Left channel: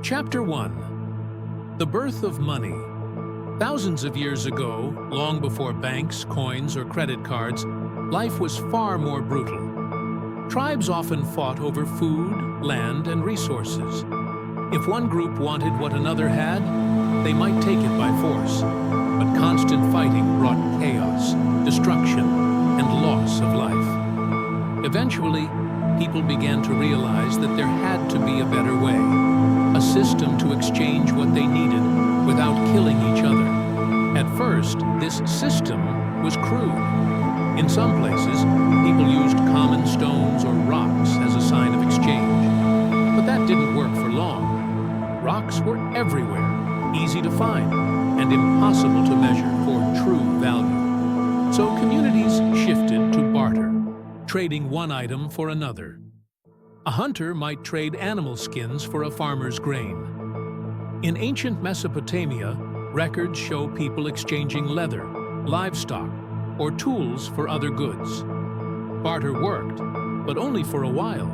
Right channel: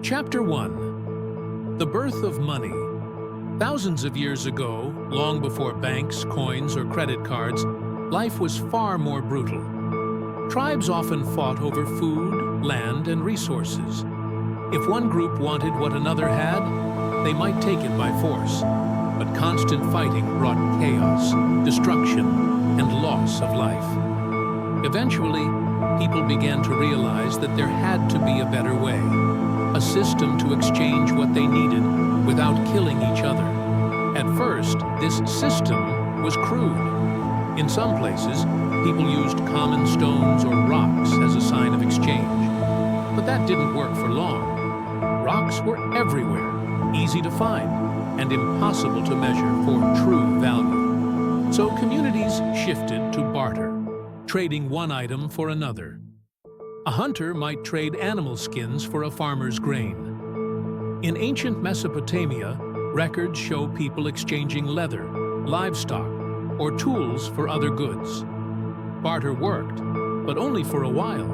Chapter 1. The Birth of Money. Thousands of years ago, long before banks, coins, or credit cards, life was far more brutal. Tribes often fought over food, land, and resources. If one group wanted what another had, they might take it by force. But constant fighting brought chaos, destruction, and loss of life. Eventually, people began to realize that there had to be a better way. A system to exchange what they needed without killing each other. At first, this system was crude. In some places, people used common stones or rocks as a sign of exchange. But that didn't work for long. Rocks were everywhere, easy to find, and impossible to measure for true value. So communities shifted to barter, trading one item for another. A hunter might trade animal skins for a farmer's grain. In ancient Mesopotamia, records show people exchanging leather, livestock, or tools for other goods. Barter worked, but only for a while.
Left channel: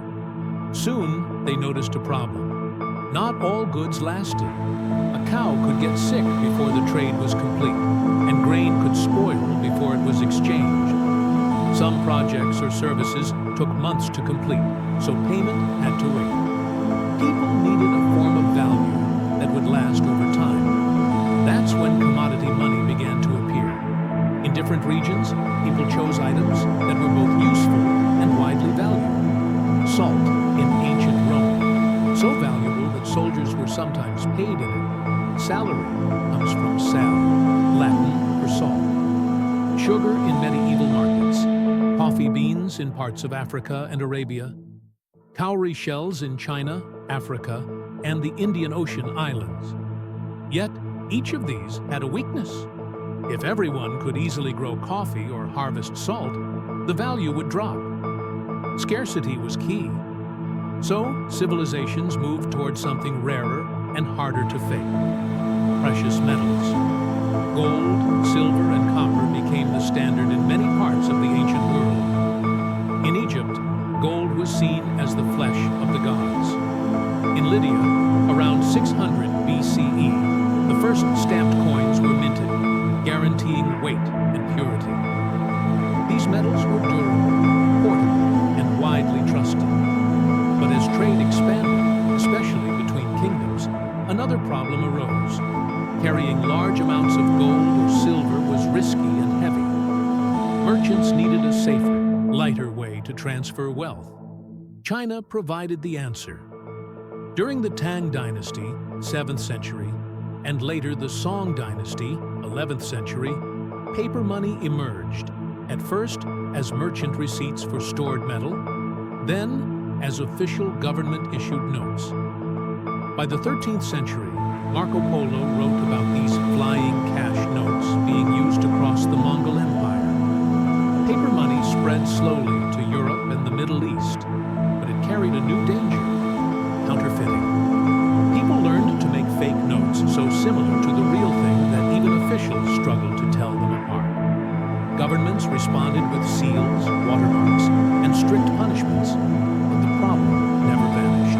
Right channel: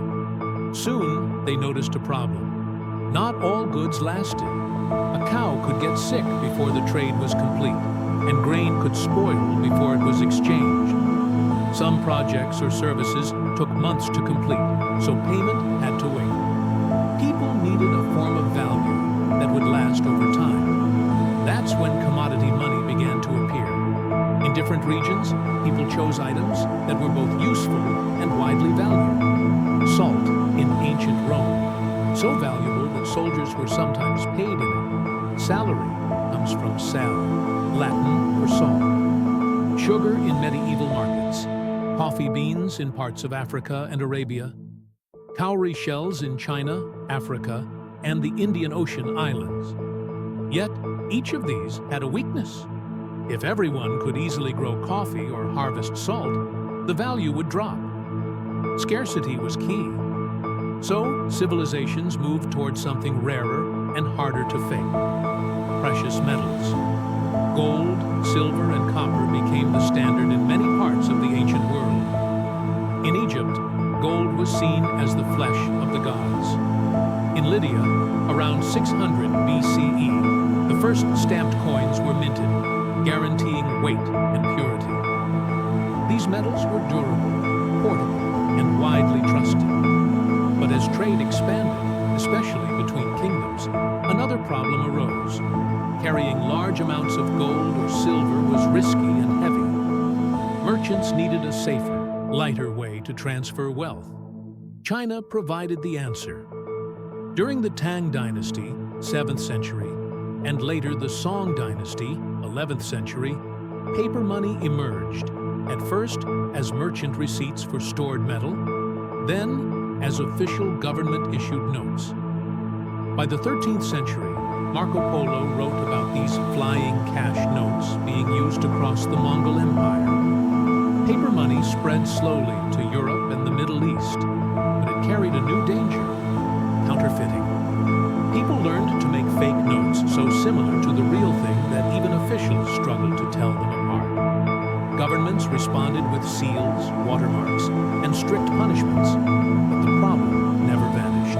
Soon, they noticed a problem. Not all goods lasted. A cow could get sick before the trade was complete, and grain could spoil before it was exchanged. Some projects or services took months to complete, so payment had to wait. People needed a form of value that would last over time. That's when commodity money began to appear. In different regions, people chose items that were both useful and widely valued. Salt in ancient Rome, so valuable that soldiers were sometimes paid in it. Salary comes from sal, Latin for salt. Sugar in medieval markets. Coffee beans in parts of Africa and Arabia. Cowrie shells in China, Africa, and the Indian Ocean islands. Yet, each of these had a weakness. If everyone could easily grow coffee or harvest salt, the value would drop. Scarcity was key. So, civilizations moved toward something rarer and harder to fake. Precious metals. Gold, silver, and copper became the standard in many parts of the ancient world. In Egypt, gold was seen as the flesh of the gods. In Lydia, around 600 BCE, the first stamped coins were minted, guaranteeing weight and purity. These metals were durable, portable, and widely trusted. But as trade expanded, especially between kingdoms, another problem arose. Carrying large amounts of gold or silver was risky and heavy. Merchants needed a safer, lighter way to transfer wealth. China provided the answer. During the Tang Dynasty, 7th century, and later the Song Dynasty, 11th century, paper money emerged, at first as merchant receipts for stored metal, then as official government-issued notes. By the 13th century, Marco Polo wrote about these flying cash notes being used across the Mongol Empire. Paper money spread slowly to Europe and the Middle East, but it carried a new danger: counterfeiting. People learned to make fake notes so similar to the real thing that even officials struggled to tell them apart. Governments responded with seals, watermarks, and strict punishments, but the problem never vanished.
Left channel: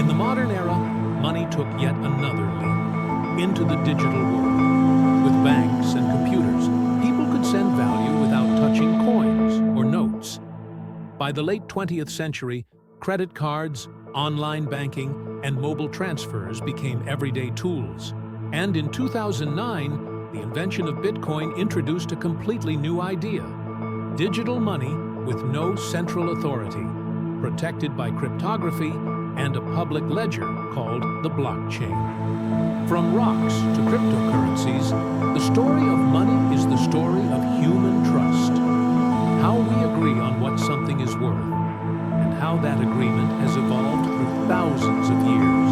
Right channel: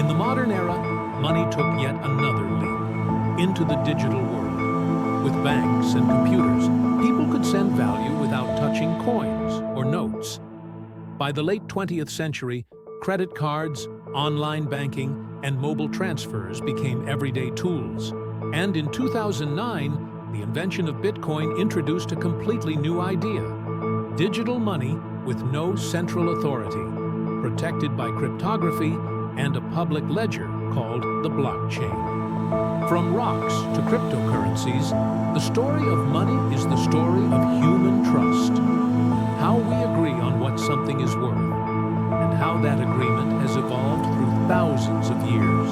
In the modern era, money took yet another leap into the digital world. With banks and computers, people could send value without touching coins or notes. By the late 20th century, credit cards, online banking, and mobile transfers became everyday tools. And in 2009, the invention of Bitcoin introduced a completely new idea: digital money with no central authority, protected by cryptography and a public ledger called the blockchain. From rocks to cryptocurrencies, the story of money is the story of human trust. How we agree on what something is worth, and how that agreement has evolved through thousands of years.